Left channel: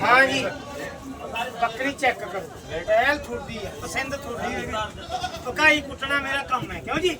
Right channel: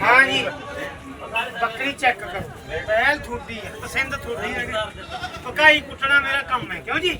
ਹਾਂ ਜੀ ਬੱਕਰੀ ਚੈੱਕ ਕਰੋ। ਪਹਿਲ ਥੋੜੀ ਹੈ ਪਸੰਦ ਥੋੜੀ ਹੈ ਪਕਾਈ ਕੁੱਟਣਾ ਮੇਰਾ ਕੰਮ ਹੈ, ਕਿਉਂ ਜੀ?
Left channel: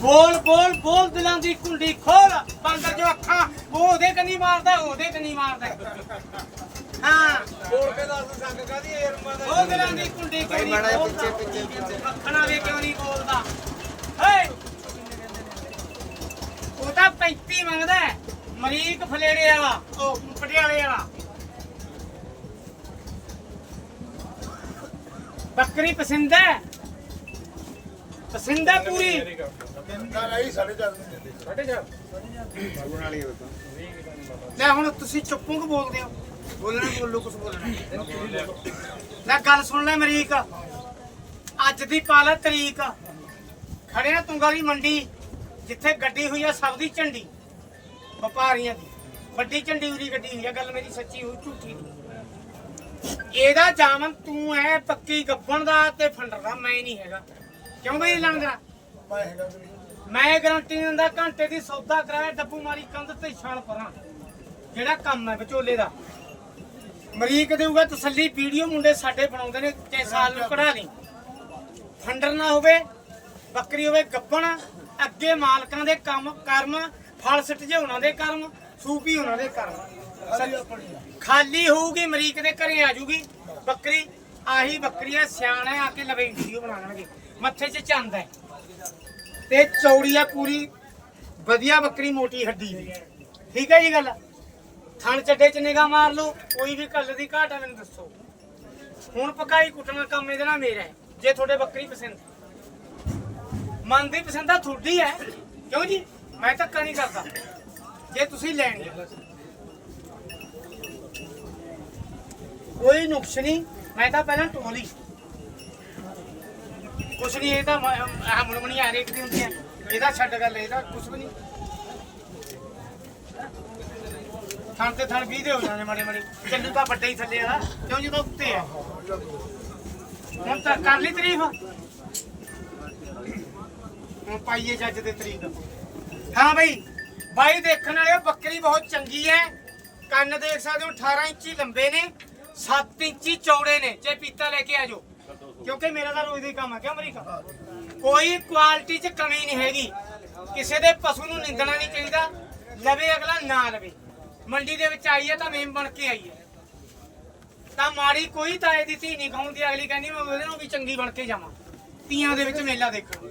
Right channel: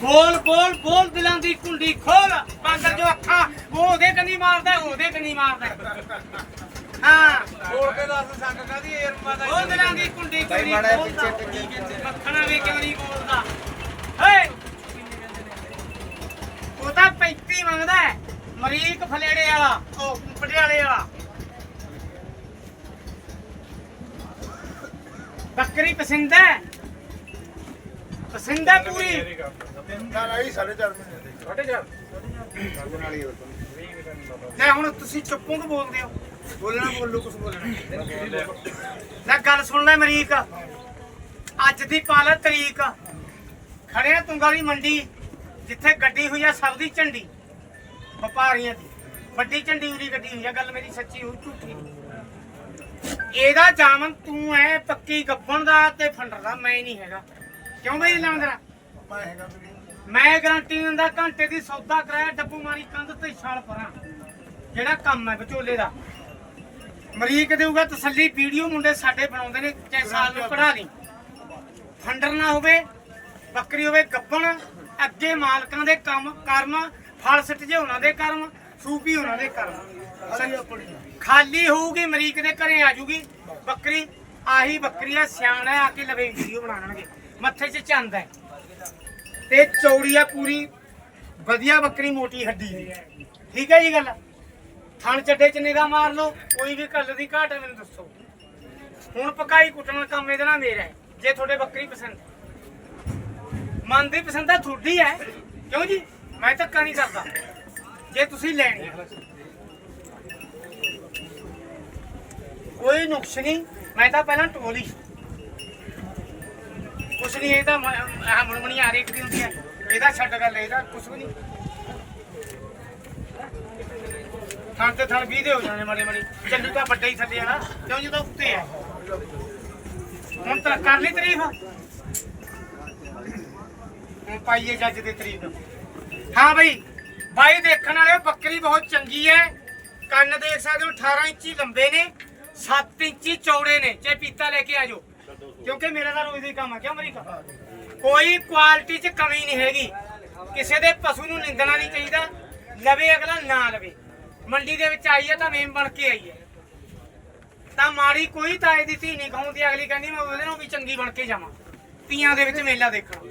ਬੋਲ ਬੋਲ ਬੋਲ ਦਿਲਾਂ ਦੀ ਕੁੰਡੀ ਖੋਲ। ਬਾਂਦਰ ਜੋ ਅੱਖਾਂ ਉਹ ਉਹਦੇ ਕੰਨੀ ਮਾਰਦਾ ਉਹਦੇ ਕੰਨੀ ਮਾਰਦਾ। ਹਾਂ। ਬੋਲ ਕੇ ਦੱਸ ਸੰਗ ਕਹਦੀ ਏਰਮਾ ਦਾ ਬੋਲ ਦਿਲਾਂ ਦੀ ਕੁੰਡੀ ਕਿਉਂ ਨਹੀਂ ਖੋਲਦਾ? ਮੱਖਣਾ ਵੀ ਕਿਉਂ ਨਹੀਂ ਬੋਲਦਾ? ਹੇ ਉਹ ਤਾਂ 35 ਮੰਗਦਾ ਹੈ। ਮਰੀਕ ਫਲੇੜੇ ਵਾਲਾ ਉਹ ਪਟਿਆਲੇ ਵਾਲਾ ਬੱਕਰੀ ਪਸੰਦ ਹੈ। ਪਸੰਦ ਹੈ ਪੂਰੀ। ਲੈ ਹੁਣ ਤੁਸੀਂ ਚੁੱਪੋਂ ਕਿ ਬੋਲਦੇ ਹੋ। ਬੋਲਣਾ ਬੋਲੋ ਕੁਝ ਬੋਲਣਾ। ਲੈ ਗੱਲ ਸੁਣ ਲੈ ਮਰੀਕ ਅੱਜ ਦੀ ਪਾਲਾ ਤਰੀਕ। ਖੜੇ ਆ ਤੁੰਗਾਲੀ ਮੰਡੀ। ਜਿੱਥੇ ਗੱਡੀ ਹੋਈ ਆ ਸਭ ਦੀ ਝੰਡੀ ਵਪਾਰੀਆਂ ਦੀ। ਵੱਡੀ ਝੰਡੀ ਉਰੀ ਗੱਡੀ ਹੋਈ ਆ ਗੱਲ ਮੇਰੀ ਸੱਚੀ ਹੋਈ ਝੂਠੀ ਨਹੀਂ। ਇਹਦਾ ਜਾਮਨ ਤੂੰ ਐ ਪੱਕੀ ਗੱਬਣ ਦਾ ਤੇ ਫੰਡਰ ਦਾ ਮੈਂ ਨਹੀਂ ਹੈਗਾ। ਕਿਉਂ ਬਈ ਲੰਗਰਾ ਮੈਂ ਗਾਰੰਟੀ ਦਿੰਦਾ ਘੰਟੇ ਦੀ ਸੌਦਾ ਕਰਾਇਆ ਡੱਬੂ ਮਾਰੀ ਕੰਧ ਤੇ ਛਾਲ ਪਰਾਂ। ਜਿਹੜਾ ਕੰਮ ਹੈ ਵਿਚੋਲੇ ਦਾ। ਮਰੀਕ ਦੇਊਗਾ ਤਸੱਲੀ ਵੀਡੀਓ ਮੁੰਡੇ ਸਾਡੇ ਬਣਾਉਂਦੇ ਨੇ ਚਾਹੇ ਸਾਲ ਨੂੰ ਕਢਾ ਲਈ। ਫੰਡਰ ਨਾ ਹੋਵੇ ਬੱਕਰੀ ਹੋਵੇ ਗੱਬਣ ਅੱਗੇ ਮਾਲਕਾਂ ਦੇ ਕੰਮ ਕਰਮ ਫਲ ਸਿੱਟ ਜੇ ਉਹਨਾਂ ਦੇ ਕਰਮ ਸੂਪੀ ਉਹਨਾਂ ਦੇ ਕਰਮ। ਖਾਲੀ ਹੋਊਗੀ ਮਰੀਕ ਦੇ ਘਰੇ ਆ ਜੂਗੀ। ਬੱਕਰੀ ਆਹੀ ਬੱਕਰੀ ਆ ਸਿਆਣਾ ਆ ਕੇ ਲਵੇ ਵੀਡੀਓ ਬਣਾ ਲੈਣਗੇ। ਮੱਥੇ 'ਚ ਚੰਦ ਹੈ। ਤੇ ਚੌੜੀ ਆ ਪੂਰੀ ਵਧੀਆ ਬੱਕਰੀ ਮੋਟੀ ਹੱਡੀ ਦੀ। ਠੀਕ ਹੈ ਜੀ ਗੱਲ? ਥਣ ਚੱਡੇ 'ਚ ਨਿਗਾਹ ਮਾਰ ਲਓ ਕੋਈ ਵੀ ਕੱਲ ਦੀ ਘਾਟ ਹੈ ਮੈਨੂੰ ਦੱਸੋ। ਹੁਣ ਪਕਾਈ ਕੁੱਟਣ ਦਾ ਕੰਮ ਇਹਦੇ ਨਾਲ ਮੇਰਾ ਜੇ ਤੁਹਾਡੇ ਬੱਕਰੀ ਪਸੰਦ। ਮਨ ਦੀ ਪਸੰਦ ਤਾਂ ਤੁਹਾਡੀ ਹੈ। ਕਿਉਂ ਜੀ? ਮੈਂ ਧੱਕਾ ਨਹੀਂ ਕਰਦਾ। ਜੇ ਤੁਸੀਂ ਲੈਣੀ ਹੈ ਕੋਈ ਨੁਕਸ ਨਹੀਂ। ਮੈਂ ਤਾਂ ਪਹਿਲਾਂ ਟੋਲੀ। ਕੁਛ ਨਹੀਂ, ਇਹ ਤਾਂ ਮ- ਆ ਰੇਖ ਦੀ ਹੁੰਦੀ ਹੈ ਇਹਦਾ ਛੱਡ ਗੱਲ ਇਹਦਾ ਕੁਛ ਵੀ ਨਹੀਂ। ਥਣ ਤੇ ਥਣ 20 ਦੇ ਹੋ ਜਾਂਦੇ ਮਾੜੇ ਮਾੜੇ। ਚੱਲੂ ਤਾਂ ਵੱਡਾ ਹੀ ਥੱਲੇ ਵਾਲਾ। ਕਿਉਂ ਜਦੋਂ ਉੱਤੇ ਆ ਹੁਣ ਤਾਂ ਕਰ ਲਈ ਤਾਰੀਫ। ਹੁਣ ਪਾਈਏ ਜੱਜ ਦੇ ਤਰੀਕ। ਹਾਂ ਬਈ, ਬਾਈ ਦੇਖਣ ਵਾਲਿਓ, ਬੱਕਰੀ ਬਹੁਤ ਚੰਗੀ ਹੈ ਕੰਨ ਦੇਖ ਸਕਦੇ ਹੋ 18 ਇੰਚੀ ਲੰਬੇ ਨੇ 7 ਇੰਚੀ ਚੌੜੇ ਨੇ। ਚਾਹੇ ਪੀਤਾ ਲੈ ਕੇ ਆਜੋ ਕਿਉਂਕਿ ਮੇਰਾ ਤਾਂ ਰੋਜ਼ ਦਾ ਕੰਮ ਆ। ਕਿਉਂ ਅਮਰੀਕਾ? ਕੋਈ ਕੁਆਲਿਟੀ 'ਚ ਕਮੀ ਨਹੀਂ ਹੈਗੀ। ਕਿਸੇ ਦੇ ਪਸ਼ੂ ਨੂੰ ਨਿੰਦਣਾ ਨਹੀਂ ਚਾਹੀਦਾ। ਲਵੇ ਅਗਲਾ, ਨਾ ਲਵੇ। ਮੰਡੀ ਦੇ ਵਿੱਚ ਆਈ ਹੈ ਤਾਂ ਮੇਮ ਬਣ ਕੇ ਆਈ ਹੈ ਤਾਂ ਮਾੜੀ ਕੋਈ ਤਾਏ ਦੀ ਧੀ ਨਹੀਂ ਕਹਾਉਂਦੀ ਅਗਲੀ ਕਹਿੰਦੀ ਮੈਂ ਉਹਦੇ ਨਾਲ ਵੀ ਚੰਗੀ ਬਣ ਕੇ ਜਾਵਾਂ। ਤੀਆਂ ਦੇ ਵਿੱਚ ਮੇਲਾ ਦੇਖਣ।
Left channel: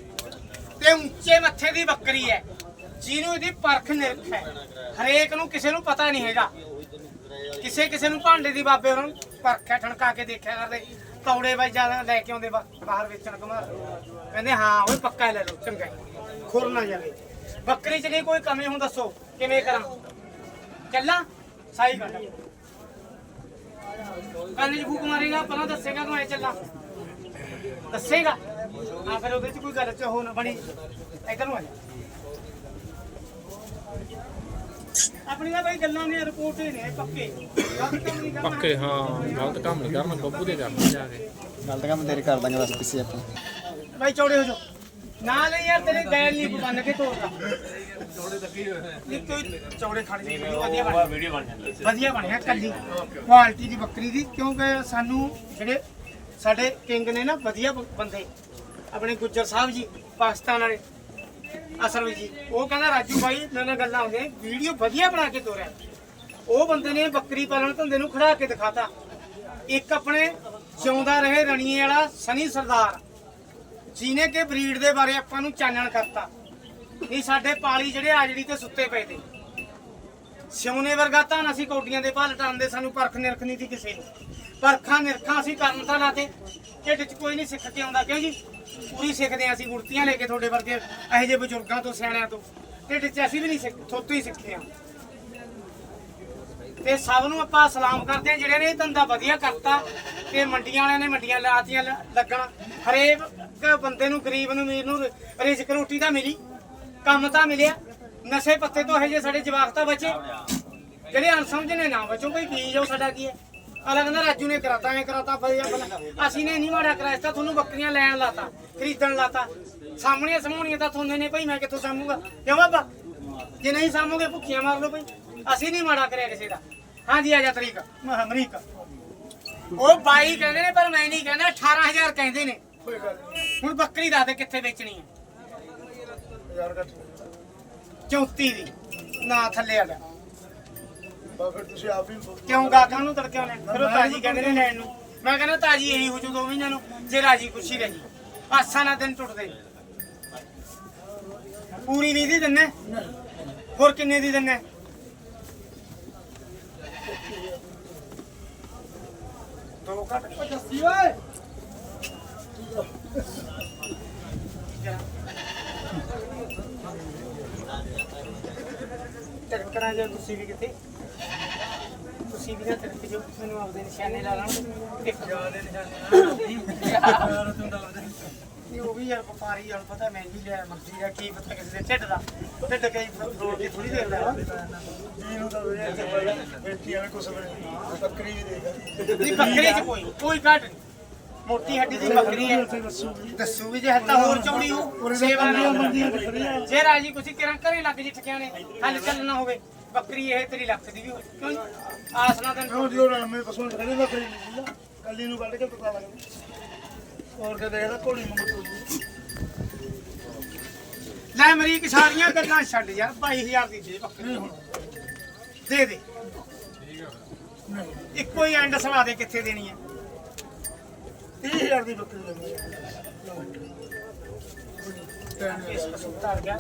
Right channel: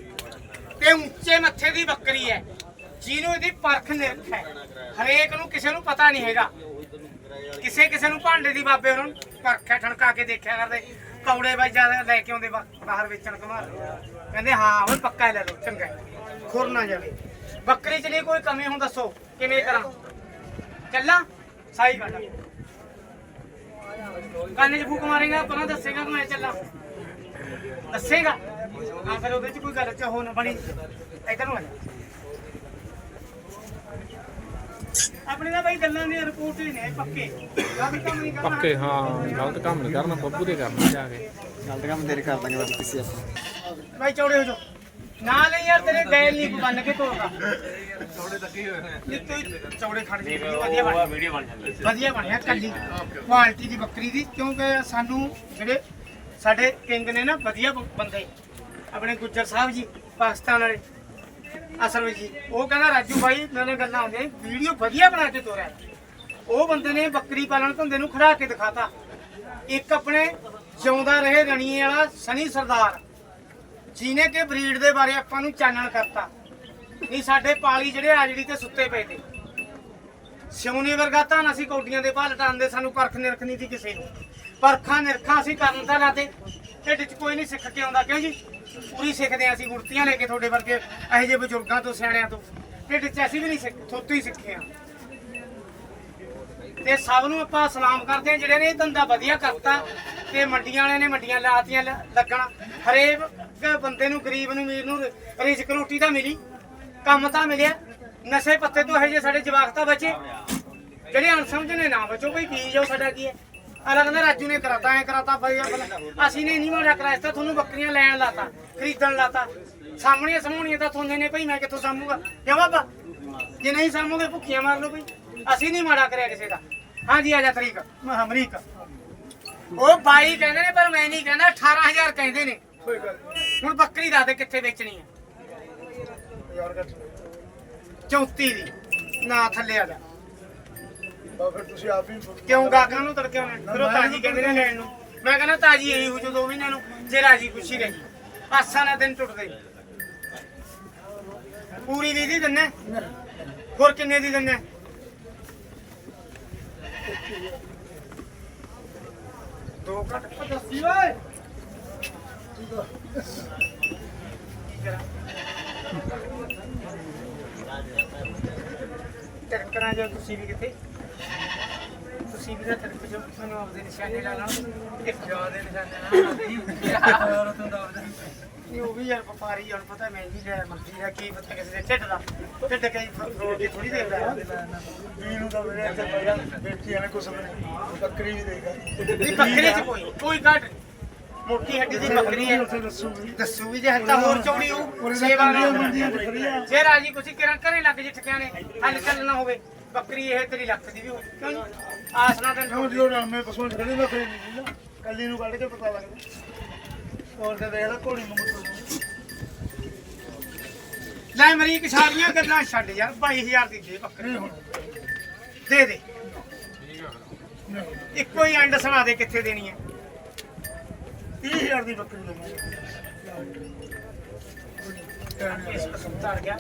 ਤੇ ਉੱਚੇ ਮੱਥੇ ਦੀ ਬੱਕਰੀ ਹੈ। ਜਿਹਨੂੰ ਇਹਦੀ ਪਰਖ ਨਿਰਖ ਹੈ। ਹਰੇਕ ਨੂੰ ਕਿਸੇ ਨੂੰ ਪਤਾ ਨਹੀਂ ਹੈਗਾ। ਕਿਸੇ ਕਿਸੇ ਨੂੰ ਭਾਂਡੇ ਦੀ ਬਾਬੇ ਉਹਨਾਂ ਨੂੰ ਪਰਖਿਆ ਠਣਕਾ ਕੇ ਦੇਖਿਆ ਕਰਦੇ। ਕੌੜੇ ਬਾਈ ਜ਼ਿਆਦਾ ਲੈ ਕੇ ਆਉਂਦੇ, ਬਾ- ਬਾਹਰ ਵੇਚਣ ਕਮਾਰ ਕਹਿੰਦੇ, ਹਾਂ ਉਹ ਪੱਕਾ ਲੈ ਲਓ, ਚੰਗਾ ਹੈ। ਖੁਰ ਨਾ ਜਾਵੇ। ਬੱਕਰੀ ਚ ਨਹੀਂ ਕੋਈ ਕਮੀ ਹੁਣ ਦੱਸੋ, ਕਿਵੇਂ ਕਰਾਂ? ਚੱਲਾਂ ਸਾਈ ਕੱਢ ਕੰਨ ਚ ਫੂਕ ਮਾਰੇਗਾ ਪਹਿਲਾਂ ਦੱਸੇਗਾ, ਤੂੰ ਐ ਚੱਲਾਂ। ਦੱਸੇਗਾ। ਹਾਂ ਫਿਰ ਉਹਦੇ ਚ ਕੋਈ ਗੱਲ ਚ ਹੋ ਨਾ ਬਣੀ। ਇਧਰ ਨੂੰ ਆ ਜਾ। ਆਪਣੇ ਦਾ ਬਾਈ ਗੱਲਾਂ ਨਹੀਂ ਰਿਪੋਰਟ ਹੀ ਨੇ ਪੱਕੇ। ਗਲਤ ਕੰਮ ਨਹੀਂ ਕਰਨਾ। ਪੱਕੇ ਹਾਂ ਗਲਤ ਕੰਮ ਨਹੀਂ ਕਰਨਾ ਬੱਬੂ ਦੇ ਕਰਨਾ। ਜਾ ਕੇ ਗਲਤ ਕੰਮ ਤੇਰੇ ਕਰ ਦਾਂਗੇ ਬਸ ਕਿਸੇ ਆਪਾਂ ਬਾਈ ਚੌੜੇ ਹੋ ਜਾਓ ਨਾ ਲੈ ਯਾਰ ਤੇਰੇ ਗੈਲ ਨਹੀਂ ਬੰਨ ਕੇ ਤੋੜਦਾ ਚੌੜੇ ਲੱਗੇ ਹੋਏ ਨੇ। ਤੂੰ ਚੌੜੇ ਖੜ ਜੀ ਵਧੀਆ ਬਣ ਵੀਡੀਓ ਬਣ ਜਾਂਦੀ ਵਧੀਆ ਬਣਿਆ ਕੱਲੀ। ਕੁਆਲਿਟੀ ਦੀ ਬੱਕਰੀ ਦੀ ਕਿਉਂਕਿ ਸਾਨੂੰ ਜਿਹੜੇ ਸਾਡੇ ਕਿੰਗ ਨੇ ਨਾ ਵਧੀਆ ਬੰਦੇ। ਆਪਣੇ ਗੁੱਜਰ ਸਾਹਿਬ ਜੀ, ਪਾਕਿਸਤਾਨ ਵਾਲੇ। ਅਸਲ ਵਿੱਚ ਜੀ, ਉਹ ਕਹਿੰਦਾ, ਰਾਜੂ ਭਾਈ ਨਾਲੇ ਗੱਲਾਂ ਆਉਂਦੀਆਂ ਵੀਡੀਓ ਵਧੀਆ ਬਣਾ ਕੇ ਤੋਰਿਆ। ਉਹ ਬੰਦੇ ਨੇ ਬੱਕਰੀ ਪਾਲਣ ਧੰਦੇ ਨੂੰ ਖੜਾ ਕੇ ਦਿਖਾਤਾ। ਇੱਕ ਆਪਣੇ ਜਿਉਂਦਾ ਰਹੇ ਰਣੀਏ ਵਾਲਾ ਸਨੀ ਸਰਦਾਰ, ਜਿਹਨੇ ਕਿ ਬਰੀਡ ਦੇ ਬਾਰੇ ਆਪਾਂ ਨੂੰ ਚਾਨਣ ਕਰਤਾ। ਨਹੀਂ ਸਾਡੇ ਪਾਲੀ ਜਿਹੜੇ ਆਜੜੀ ਤੇ ਸੁੱਤੇ ਪਏ ਤੇ। ਸਿਉਨੇ ਵਰਗਾ ਤਾਂ ਅਸੀਂ ਕੌਡੀਆਂ ਦੇ ਭਾਲ ਟਾਂਦੇ ਸਾਨੂੰ ਪਰਖ ਨਿਰਖ ਨਹੀਂ ਦੀ ਕਿਸੇ ਨੂੰ। ਪਰਖਾਂ ਨਿਰਖਾਂ ਅਸੀਂ ਕਰਨ ਤਾਂ ਲਾਤੇ। ਢਿੱਡ 'ਚ ਕੋਈ ਨਹੀਂ ਸਿੱਖ ਕੇ ਆਉਂਦਾ, ਕਿਉਂ ਜੀ? ਪੂਰੀ ਸਿੱਖਦੇ ਹਾਂ ਅਸੀਂ ਗੁਰਤੀਆਂ ਲੈ ਕੇ ਤੁਹਾਡੇ ਵਰਗੇ ਇਹੋ ਜਿਹੇ ਬਜ਼ੁਰਗਾਂ ਤੋਂ, ਸਿਆਣਿਆਂ ਤੋਂ। ਢਿੱਡ ਚ ਅਸੀਂ ਵੀ ਨਹੀਂ ਸਿੱਖ, ਥੋਤੋਂ ਹੀ ਸਿੱਖੇ ਆ ਤੇ ਸਭ ਨੂੰ ਆਪਾਂ ਸਲਾਮ ਕਰਦੇ ਆ ਜਿਹੜੇ ਨੇ ਇਹ ਧੰਦਾ ਵਧੀਆ ਕਰਤਾ, ਤੇ ਮੰਡੀਆਂ ਵਾਲਿਆਂ ਨੇ ਮੰਡੀਆਂ ਲਾਤੀਆਂ ਲੱਗਣਾ। ਹਰੇਕ ਬੰਦੇ ਨੂੰ, ਗਰੀਬ ਨੂੰ ਅਮੀਰ ਨੂੰ ਰ- ਰਿਜ਼ਕ ਰੋਟੀ ਤਾਂ ਮਿਲੀ, ਕੰਮ ਤਾਂ ਮਿਲਿਆ। ਨਸ਼ੇ ਪੱਤੇ ਤੋਂ ਇਹ ਜੇ ਸਾਡੇ ਜਵਾਕ ਤਾਂ ਬਚੇ। ਜਿਹੜੇ ਅਣਸਮਝ ਨੇ ਨਾ ਬਚੋ, ਕੋਈ ਕੀ ਜੋ ਸਾਡਾ ਕੀ ਹੈ ਅਲੱਗ ਨਾ ਰਾਜੂ ਨੇ ਕਰਾਤਾ, ਐ ਕਰਾਤਾ, ਬਈ ਅਸੀਂ ਨੇ ਨਹੀਂ ਮਾੜਾ ਕਰਾਇਆ ਤਾਂ ਤੁਹਾਨੂੰ ਬੱਕਰੀਆਂ ਲੈਣ ਲਾਤਾ, ਖਰੀਦਣ ਲਾਤਾ। ਸਾਹਮਣੀਆਂ ਸਮਾਉਣੀਆਂ ਤਾਂ ਤੁਹਾਨੂੰ ਨੇ ਭਈ ਮੈਂ ਕਿੱਥੋਂ ਸਾਂਭੂਗਾ? ਕਿਉਂ ਬਾਬਾ? ਜੇ ਨਹੀਂ ਸਾਂਭੋਗੇ ਭੁੱਖੀਆਂ ਮਾਰ ਲਓ ਭਈ ਅਸੀਂ ਨਹੀਂ ਮਾੜਾ ਕਰਿਆ ਕਿਸੇ ਦਾ। ਹਾਂਜੀ, ਆ ਜਾ ਤਰੀਕ। ਮੈਂ ਅਮਰੀਕਾ। ਉਹ ਬਾਈ ਕਹਿੰਦੇ ਨੇ, ਪਰ ਮੈਂ ਨਹੀਂ ਕਹਿੰਦਾ 18000 ਕਹਿੰਦੇ ਨੇ। ਹੁਣ ਬੱਕਰੀ ਦੱਸ ਦੇ ਕਿੱਥੇ ਵੇਚਣੀ ਹੈ ਯਾਰ 34 ਦੀ, ਨਾ ਥੱਲੇ ਆ ਜਾ। ਤਾਂ ਫਿਰ ਤੁਸੀਂ ਆਪ ਹੀ ਕਿਉਂ ਗਾਕਾਂ ਨੂੰ ਤੜਕੇ ਆਉਣੇ ਫਿਰ ਉਹ ਤਾਜੀ ਕਹਿੰਦੇ ਨੇ ਲੈਣ ਨੂੰ। ਮੈਂ ਕਹਿੰਦਾ ਤਾਜੀ ਇਹੀ ਹੋ ਜੋ ਦੋ ਮਹੀਨਿਆਂ ਨੂੰ ਜੇ ਰਾਜੀ ਖੁਸ਼ੀ ਰਹੀ। ਆਸਾਂ ਨਾਲ ਦਿਨ ਟੁੱਟਦੇ। ਪੂਰੀ ਨਹੀਂ ਦੀ ਦਿੰਨੇ? ਹੋਰ ਕਿੰਨੇ ਦੀ ਦਿੰਨੇ? ਦੋ ਘੱਟ। ਦੱਸੀ ਓਏ। ਟਰਕਰਾਂ ਜੇ ਤੁਸੀਂ ਵੀ ਕਿੱਥੇ? ਤੁਸੀਂ ਵੀ ਨਾ ਤਰਕ ਜੋ ਤੁਹਾਨੂੰ ਆਪਦੇ ਨਿਸ਼ਾਨੇ ਲਾ ਲੈਣ ਇੱਕ ਜਵਾ ਦੇ ਨਿਸ਼ਾਨੇ ਨਾਲ। ਨਹੀਂ ਉਹ ਵੀ ਯਾਰ ਵਪਾਰੀ ਹੁਣ ਪਤਾ ਮਹਿੰਗੀ ਲਿਆ ਮਰਜ਼ੀ ਦਾ ਕੀ ਪਤਾ ਕਿਸੇ ਦੇ ਢਿੱਡ ਦਾ। ਢਿੱਡ ਕਈ ਰੋੜ ਕੇ ਥੋੜੀ ਦੇਖਦਾ ਹੈ। ਵੀ ਨੂੰ ਤਾਂ ਵੀਰੇ ਇੱਥੇ ਪਹਿਲਾਂ ਬੇਟੀ ਵਾਲੇ ਕੁਛ ਨਹੀਂ। ਬੱਕਰੀ ਵੀ ਦੇਗਾ ਨਹੀਂ ਬੱਕਰੀ ਚ ਕੋਈ ਕੋਈ ਘਾਟ ਨਹੀਂ। ਮੋਟੀ ਹੱਡੀ ਦੀ ਬੱਕਰੀ ਹੈ। ਉੱਥੇ ਦੱਸੂਗੀ। ਦੱਸੂ ਵੀ ਜੇ ਹੱਤਾ ਹੋਰ ਚੌੜੀ ਹੋ ਸੇਵਾ ਨਾਲ। ਮੰਡੀਆਂ ਚ ਖੜੀਆਂ ਜੇ ਰਾਜੀ ਕੁਛ ਕਿਰਾਂ ਘਰੇ ਲੱਗ ਜੇ ਠਿਕਾਣੇ ਹੱਲ ਚੱਲਣਾ ਹੋਵੇ ਬੱਕਰੀ ਇਹ ਤੇਰੀ ਲੱਖ ਦੀ ਵੀ ਹੋ ਕਿਉਂ ਜੀ? ਆਸ ਕਿਉਂ ਤੈਨੂੰ ਜੋ ਰਣ ਮੇ ਪਸੋਂ ਖੜੇ ਨਾ ਖੜੇ ਨਹੀਂ ਕੱਲੀ ਨੂੰ ਕੱਢ ਕੇ ਪਤਾ ਲੱਗਦਾ ਹੋਰ ਕੇ ਦੇਖਦਾ ਘੋੜੀ ਨੂੰ ਮੁੱਤੂ ਲੈ ਅਮਰੀਕ ਸਾਰੀਆਂ ਗੱਲਾਂ ਛੱਡ ਯਾਰ 22000 ਦੀ ਦੇ ਬੱਕਰੀ ਹੁਣ। ਦੇ ਦੇ। ਇੱਕੋ ਹੀ ਐਂਡ ਸੁਣਾ ਦੇ ਕਿੱਥੇ ਦੇਣੀ ਹੈ 30000 ਦੀ ਬੱਕਰੀ ਲਵਾਂਗੇ। ਇਸ ਕਸਮ ਧਰ ਗਿਆ।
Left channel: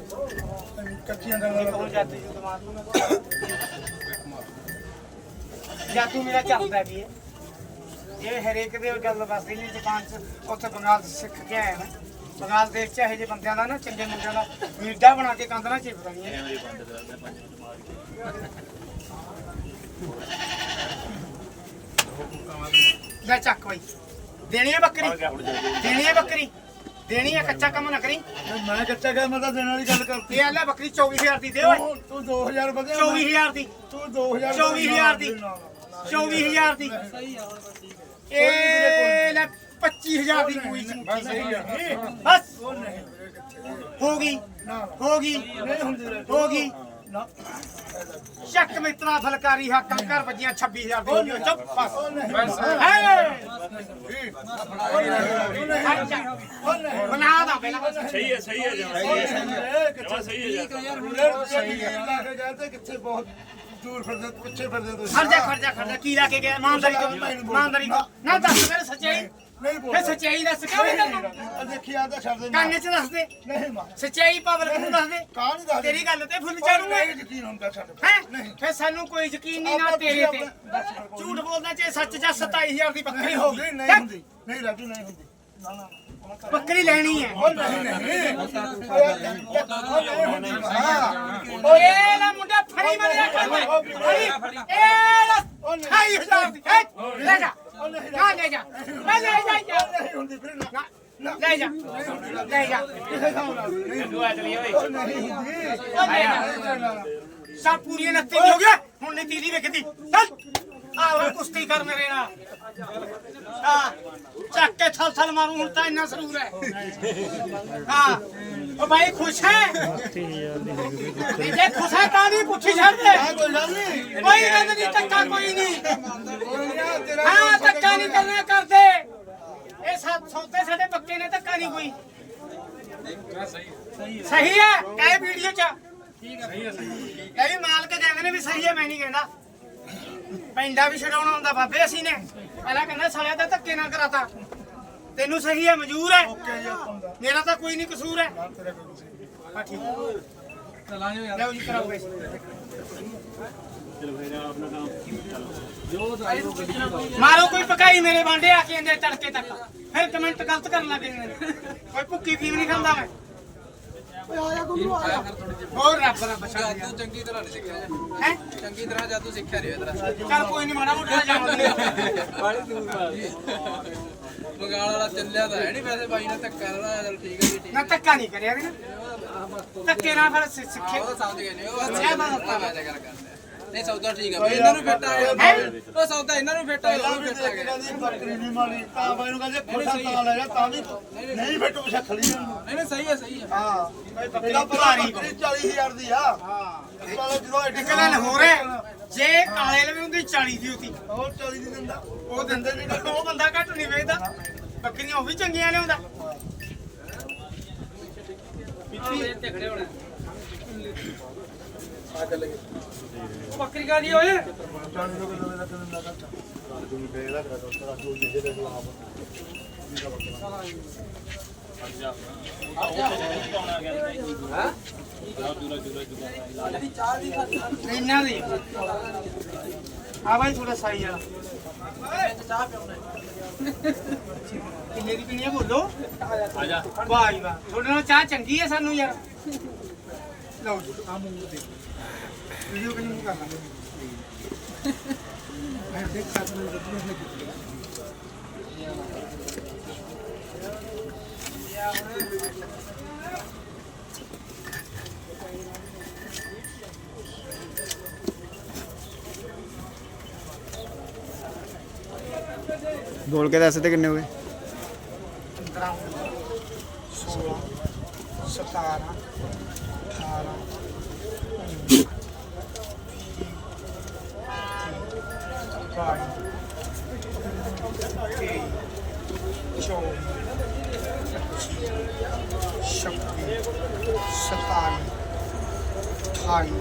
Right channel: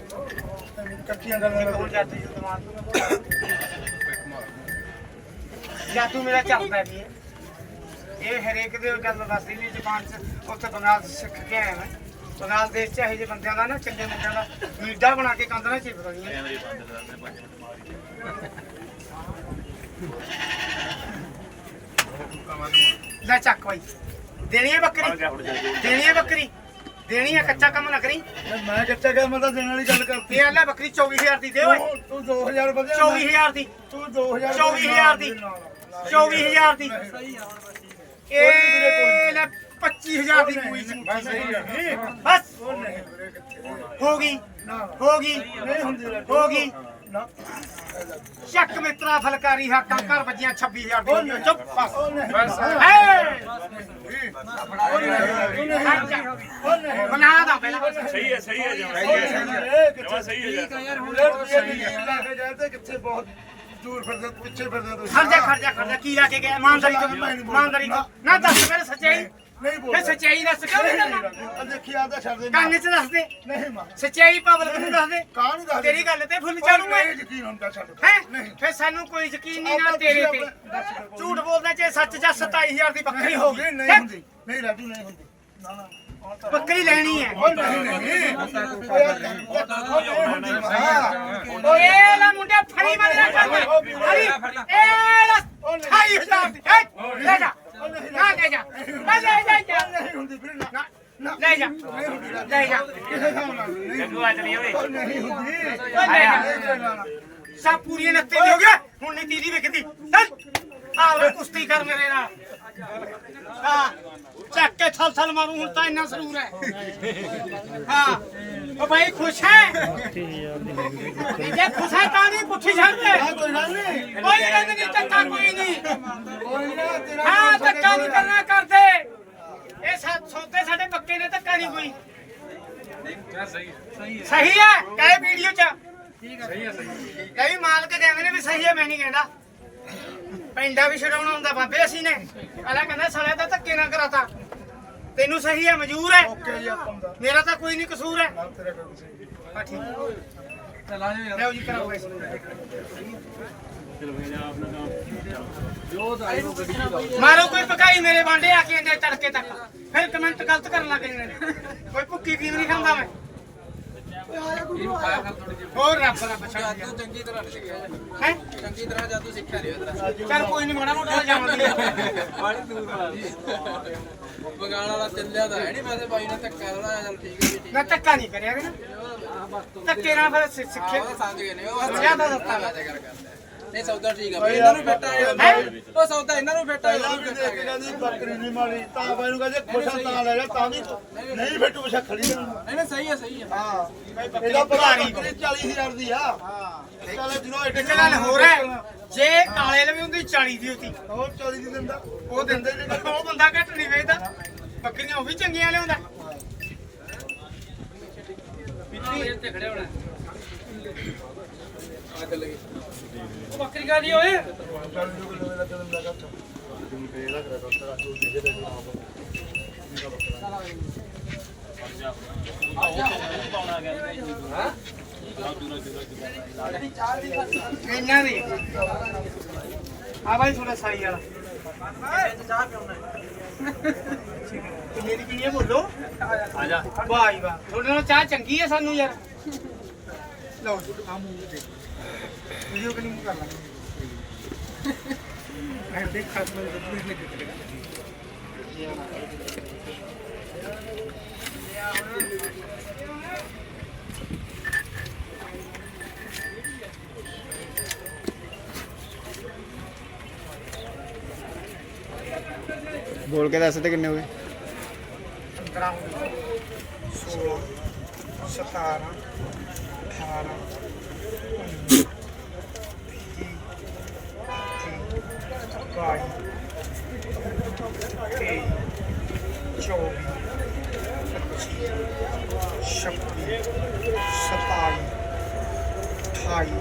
ਕੱਚੀਆਂ ਗੱਲਾਂ ਇੱਕ ਹੋਰ ਜਾਦੂ ਜੀ ਦਿਮਾਗ ਜਾਦੂ ਮੇਰਾ ਚੱਲਦਾ ਵੀ ਹੈ। ਇਹ ਹਰੇਕ ਦੇ ਗੱਲ ਦੱਸਦੀ ਨਹੀਂ ਜਾਪਾਨ ਚ ਉੱਥੇ ਬੰਗਾਲ ਚ ਸਿੱਖ ਕੇ ਆਇਆ ਮੈਂ ਬੰਗਾਲ ਦੇਸ਼ ਚ ਇਹੋ ਜਿਹੇ ਬੰਦਿਆਂ ਦਾ ਨਾ ਚੰਗੇ ਮੁੰਡਿਆਂ ਦਾ ਮੀਡਾ ਬਣਾ ਕੇ ਕੰਧ ਨਾਲ ਚਿਪਦਾ ਨਹੀਂ ਲੈ ਚੱਕ ਬਾਈ। ਦੇਣੀ ਹੈ ਬੱਕਰੀ? ਦੇਣੀ ਹੈ ਬੱਕਰੀ? ਦੇਣੀ ਹੈ ਕੱਚਾ ਕੰਮ ਨਾ ਕਰੀ। ਮੈਂ ਕੱਚਾ ਗਿਆ ਮੈਂ ਤਾਂ ਦੇਣ ਵਾਲੀ ਗੱਲ ਕਰਤੀ। ਇਹ ਲੈ ਬੱਕਰੀ 24000 ਦੀ ਦੇ ਓਏ। ਤੂੰ 2000 ਵਧਿਆ 24000 ਦੀ। ਤੂੰ 2000 24000 ਦੀ। ਨਾ, ਨਾ, ਨਾ। 24000 ਦੀ। ਇਹ ਲੈ 25000 ਦੀ ਕੋਈ ਬਸ ਸਹੀ ਹੈ ਬਸ। ਹੋ ਗਈ। ਹੋ ਗਈ। ਹੋ ਗਈ। ਚੱਕ ਮਿੱਤਰਾ ਫਲਕਾਰੀ ਹਾਕਾਂ ਘਰ ਵੱਜੀਆਂ 26000 ਦੀ ਹੋ। ਚੁੱਪ ਬਸ। ਹੈ। ਬਣਾ ਦਾ ਪਹਿਲਾਂ। ਸਹੀ ਹੈ ਸਹੀ ਹੈ ਜਮਾਂ ਕਿੱਥੇ ਸਹੀ ਹੈ ਯਾਰ ਹੁਣ ਸਹੀ ਹੈ ਕਿੱਥੇ ਬਹੁਤ ਦੂਰ ਫਿਰਦੇ ਪੁੱਛੇ ਫਿਰਦੇ ਤੁਸੀਂ। ਖੜ ਜਾ ਖੜ ਜਾ ਖੜ ਜਾ ਕੀ ਲਾ ਕੇ ਗਿਆ? ਇਮਾਨਦਾਰੀ ਤੋਂ ਇਮਾਨਦਾਰੀ ਤੋਂ ਨਾ ਦੱਸ ਮੇਰੇ ਸੱਚਾਈ। ਨਹੀਂ ਬੋਲ ਇਹ ਸੱਚਾਈ ਦੱਸ ਕਿਉਂ ਨਹੀਂ ਕਰਨਾ? ਆ ਦੇਖੀ ਆਦਾ ਛੱਡ ਦੇ ਕੰਨ 'ਚ ਦੱਸ ਦੇ। ਨਹੀਂ ਮਾਂ। ਸੱਚਾਈ ਪਬਲਿਕ ਨੂੰ ਦੱਸ ਦੇ? ਕਾਂ ਨਹੀਂ ਦੱਸ ਤੇਰੀ ਗੱਲ ਤੇ ਫੁੱਲ ਚਾੜੂਗਾ ਨਹੀਂ ਯਕੀਨ ਹੁੰਦਾ ਛੱਡ ਹੈ? ਨਹੀਂ। ਫਿਰ ਸਾਨੂੰ ਕੋਈ ਯਕੀਨ ਨਹੀਂ ਨਾ ਤੇਰੇ ਤੇ। ਝੂਠ ਬੋਲਦਾ ਚਾਹੇ ਸੱਚ ਜਾਂ 27000 ਦੀ ਬੱਕਰੀ ਹੋ ਗਈ ਨਹੀਂ ਹੁੰਦੀ। ਨਹੀਂ ਰਾਜੂ ਨਹੀਂ ਹੁੰਦੀ। ਨਾ ਨਾ। ਬੱਕਰੀ ਲੈਣੀ ਹੈ ਓਏ ਲੈ ਮੁੰਡਿਆ ਫੜੀ ਮਾਰਿਆ ਕਰ ਮੈਂ ਫੜੀ ਇਹ ਲੈ 28000 ਦੀ ਲੈ ਜਾ ਨਾ ਲੈ ਜਾ ਲੈ ਜਾ ਜਾ। ਨਹੀਂ ਹੁੰਦੀ ਫਿਰ ਨਾ ਲੈ ਜਾ ਲੈ ਜਾ ਤੂੰ ਆ ਚਲੀ ਓਏ ਨਹੀਂ ਹੁੰਦੀ ਲੈ ਨੱਤੇ ਹੋ ਗਿਆ ਹੁਣ ਨਹੀਂ ਤੀਜੀ ਵਿਕਦੀ ਚੱਲ ਆ ਉਹ ਕੁਸ਼ਤੀ ਕਰ ਮੇਰੇ ਨਾਲ। ਹਾਂ ਚੱਕ ਕੇ ਛਲ ਛਲ ਮਾਰੂ ਹੁਣ ਤਾਂ ਇੰਨਾ ਸਰੂਰ ਹੈ। ਹਾਂ ਉਹ ਭਾਈ ਖੁਸ਼ ਹੈ? 30000 ਦੀ ਹੈਗੀ ਬਈ ਜੇ ਖੁਸ਼ ਹੈ ਤਾਂ ਨਹੀਂ ਪੁੱਠੀ ਛੱਡ ਦੇ ਕੋਈ ਗੱਲ ਨਹੀਂ। ਕੋਈ ਗੱਲ ਨਹੀਂ ਧੱਕਾ ਕੋਈ ਨਹੀਂ। ਹਾਂ ਧੱਕਾ ਨਹੀਂ ਕਰਨਾ ਕਰਦੇ। ਇਹ ਸੌਦੇ ਸਾਡੇ ਪੱਕੇ ਨੇ ਧੱਕਾ ਨਹੀਂ ਕੋਈ। ਸਹੀ ਹੈ? ਕਹੇ ਵੀਡੀਓ ਚ। ਠੀਕ ਹੈ ਸਹੀ ਹੈ। ਸਹੀ ਵੀ ਮਾਲਕ ਕਹਿੰਦੇ ਨੇ ਵੀ ਸਹੀ ਹੈ ਮੈਂ ਨਹੀਂ ਕਹਿੰਦਾ। ਪੈਂਡਾ ਵੀ ਛਡਾਉਣਾ ਹੁੰਦਾ ਬਾਬੇ ਅਸੀਂ ਨੇ। ਪਹਿਲਾਂ ਕਹਿੰਦਾ ਸਾਲਿਆ ਤਾਂ ਧੱਕੇ ਨਾ ਕਰਾਤਾ। ਤੈਨੂੰ ਸਹੀ ਹੈ ਮਨਜ਼ੂਰ ਹੈ ਮੇਰਾ ਤਾਂ ਕੋਈ ਨਹੀਂ ਕਸੂਰ ਹੈ ਠੀਕ। ਚਲਾ ਜੀ ਕਰਾਓ ਮਾਰੋ ਕੋਈ ਪਕਾਈ ਮੇਰੇ ਬਾਂਡੇ ਆ ਕੇ ਇੰਦੇ ਤੜਕੇ ਤੱਕ। ਫਿਰ ਕਮੈਂਟ ਗਲਤ ਕਰਨ ਲੱਗ ਜਾਂਦੇ ਕੋਈ ਭੁੱਕੀ ਫੀਮ ਨਹੀਂ ਖਾਂਦਾ ਮੈਂ। ਹੋਰ ਰੱਬ ਦਾ ਬਚਾ ਜਾਦੂ ਚੰਗੀ ਤਰ੍ਹਾਂ ਨਹੀਂ ਸਿੱਖਿਆ ਜੀ। ਹੈ ਚੰਗੀ ਤਰ੍ਹਾਂ ਜਾਦੂ ਸਿੱਖਿਆ ਨਹੀਂ ਇਹਦਾ ਚੱਲ ਕੋਈ ਨਹੀਂ ਮਾੜਾ ਮੋਟਾ ਜਾਣਦੀ ਬਗਾਲ ਵਾਲਾ ਚੱਲਿਆ ਤਾਂ ਹੈ ਨਹੀਂ ਵੈਸੇ ਬਾਈ ਨੇ ਧੱਕਾ ਲਾਇਆ ਚਲ ਠੀਕ ਹੈ ਜੀ ਠੀਕ ਨਾ ਧੱਕਾ ਨਹੀਂ ਕਰਿਆ ਨਾ ਧੱਕੇ ਨਾਲ ਫਿਰ ਸਿੱਖੇ। ਸਮਝ ਗਏ ਨੇ ਉਹ ਸਮਝਿਆ ਤਾਂ ਦਿੱਤਾ। ਗੱਲ ਕਰਦੇ ਨਹੀਂ ਸੌਦਾ ਠੀਕ ਆ। ਇਹਨਾਂ ਨੂੰ ਫਿੱਟ ਆ ਉਹ ਸੌਦਾ ਇਹਨਾਂ ਨੂੰ ਫਿੱਟ ਆ ਪਹਿਲਾਂ ਵੀ ਦੇਖ ਕੇ ਕਹਿੰਦੀ ਬੱਕਰੀ ਨਹੀਂ ਮਾਰੀ ਤਾਂ ਬਾਈ ਨੂੰ ਕਹਿੰਦੇ ਖੋਟਾ ਤਾਂ ਲੈ ਜਾ ਤਾਂ ਵੀ ਨਹੀਂ ਬੈਠੂ ਪਿਛਾ ਖੜੀ ਨਹੀਂ ਨਹੀਂ ਸਹੀ ਹੈ ਸਹੀ ਹੈ ਹਾਂ। ਬਈ ਬੱਕਰੀ ਭਾਰੀ ਬੱਕਰੀ 40000 ਦੀ ਆ। ਹਾਂ। ਚੱਲ ਜਦੋਂ ਇੱਕ ਗੱਲ ਹੋਰ ਹੈ ਜੇ ਕਾਲੇ ਲਵੇ ਹੁੰਦੀ 40 ਦੀ ਹੁੰਦੀ। ਹੋਰ 40 ਦੀ ਦਿੰਦਾ। ਉਹ ਦਿੰਦੇ ਨਹੀਂ ਉਹ ਬੰਦਾ ਘੱਟ ਨਹੀਂ ਵੇਚਦਾ। ਬੱਕਰੀਆਂ ਉਹ ਵੀ ਚੰਗੀਆਂ ਲਿਆਉਂਦਾ। ਉਹ ਬੱਕਰੀ ਕਾਦੀ ਓਏ 40 ਰੁਪਏ ਕਿਲੋ ਦਾ ਦਿੰਦਾ ਘੱਟ ਤੂੰ ਬੇਲਾ ਕਰ ਦੋ ਤੇਰਾ ਕੋਈ ਜਿਹੇ ਦੇ ਇਹਨਾਂ ਦੀ ਆ ਬਾਈ ਥੋੜਾ ਸਾਈ ਵਾਲਾ ਕਿੰਨੇ ਦੀ ਪੀਣੀ ਹੈ ਬੋਲੋ ਆ ਜਾ ਵਾਹ ਜੀ ਵਾਹ ਤੁਹਾਡੇ ਨਾਲ ਚਾਹ ਚੰਗੀ ਹੈ ਸਾਨੂੰ ਯਾਰ ਲਓ ਜੀ ਆ ਮੂੰਹ ਤੇ। ਵੀਡੀਓ ਕਿੰਨੀ ਮੂੰਹ ਕਰ ਲਾਂਗੇ ਮੈਂ ਦੇਖ ਸਾਥ ਨੂੰ ਰੱਬ ਨੇ ਕਿਤੇ ਬੋਲ ਕੇ ਦੱਸ ਤੇ ਕਿੰਨੇ ਹੋਏ? 15 16 17 ਚੌਵੀ, ਛੱਬੀ ਸੰਤਾਲੀ ਅਠਾਈ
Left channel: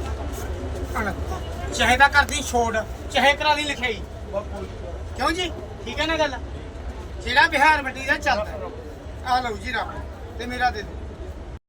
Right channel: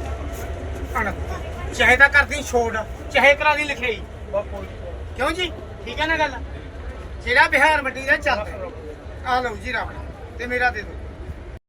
ਉਣੱਤਰ ਚਾਹੇ ਤਾਂ ਕਰਦੀ ਛੋੜ ਚਾਹੇ ਕਰਾ ਦੀ ਲਿਖਾਈ। ਕਿਉਂ ਜੀ? ਠੀਕ ਹੈ ਨਾ ਗੱਲ? ਜਿਹੜਾ ਬਿਹਾਰ ਮੰਡੀ ਦਾ ਚੱਲਦਾ ਆ ਲਓ ਜੀ ਰੱਬ ਤੇ ਮੇਰਾ ਦੇ ਦਿਓ।